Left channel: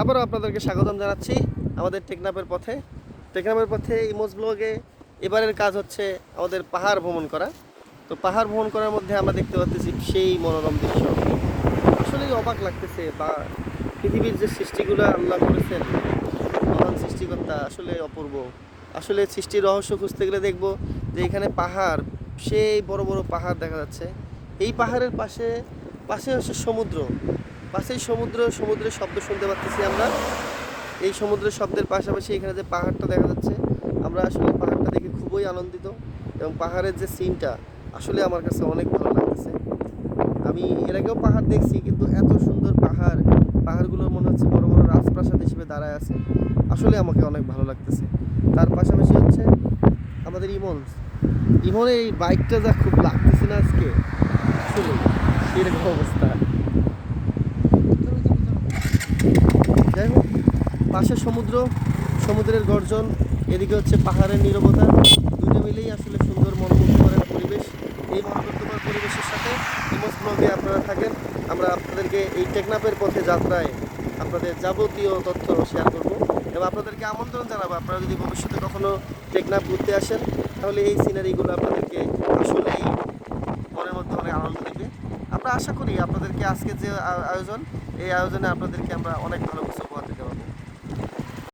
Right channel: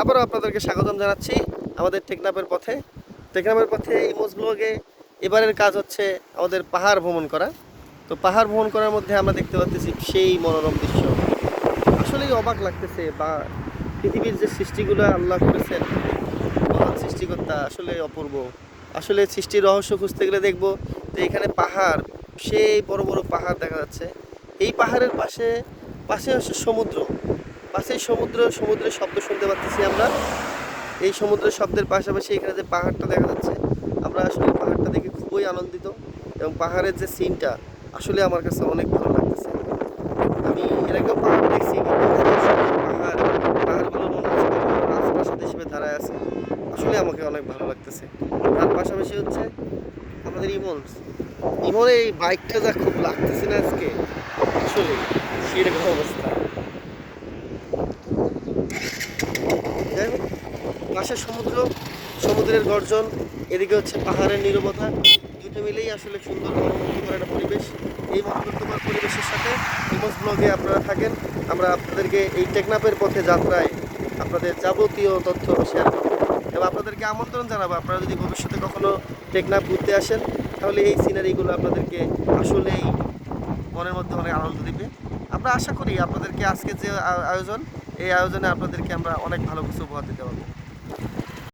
আবারও আপনাদেরকে স্বাগতম জানাচ্ছি আমাদের টেকনাফের পথে। টেকনাফের পথে ইমোজ ব্লগে এবারের কাজ হচ্ছে আমাদের পাহাড় ভ্রমণ করা। তো পাহাড় ভ্রমণ করার মধ্যে আমরা দেখতে পাচ্ছি সেই মনোরম দৃশ্য। আসলেই অবাক লাগতেছে, বা পৃথিবীর যে সৃষ্টিগুলো আল্লাহ করেছেন, মহান সৃষ্টিকর্তা আসলে অপূর্ব। আসলে সৃষ্টির রহস্য খুঁজতে গেলে দেখব যে এখানে পাহাড়, সেই বড় বড় পাহাড় দেখা যাচ্ছে। এই পাহাড়ের পাশে পাশে হচ্ছে সমুদ্র, পাশেই সমুদ্র, সমুদ্রের শব্দ শুনতে পাচ্ছি আমরা। এই সমুদ্রের শব্দের পাশাপাশি এখানে যে পাহাড়টা দেখা যাচ্ছে, আমরা আসলে পাহাড়টা দেখে খুবই আনন্দিত। এবং পাহাড়ের যে সিনটা আসলে আমার কাছে অনেক ভালো লাগতেছে। আমি এর আগেও পাহাড় দেখছি, কিন্তু এত সুন্দর পাহাড়, পাহাড়গুলোর মনে হচ্ছে বড় বড় রাজপ্রাসাদ হিসেবে দাঁড়ায় আছে। আসলে আমাকে অনেক ভালো লাগতেছে। তার পাশাপাশি হচ্ছে আমাদের ইমনের এই বাইকটা যা খুব লাগতেছে না আজকে, আসলে সেরকম অবস্থা। যাই হোক, পাশে সমুদ্র, সমুদ্রের গর্জন, এদিকে হচ্ছে পাহাড়ের নীরবতা, দুটো মিলেই আসলে সুন্দর মনোমুগ্ধকর একটা পরিবেশ। এই মনোমুগ্ধকর পরিবেশের সাথে ইমোজ ব্লগে আপনারা থাকেন। আমরা আপনাদেরকে এই টেকনাফের পথে যাত্রায় আপনাদের যাবতীয় তথ্য শেয়ার করব এবং আপনাদেরকে আমন্ত্রণ জানাবো, আপনারা যদি ভবিষ্যতে কখনো টেকনাফ ঘুরতে আসেন, তাহলে এই সিনারিগুলো আপনাদেরকে আসলেই মনের মধ্যে অনেক আনন্দ দিবে। আমরা আশা করি আপনাদেরকে আজকে যে আয়োজন, এই আয়োজনে আপনাদেরকে আমরা অনেক ভালো কিছু উপহার দিতে পারবো।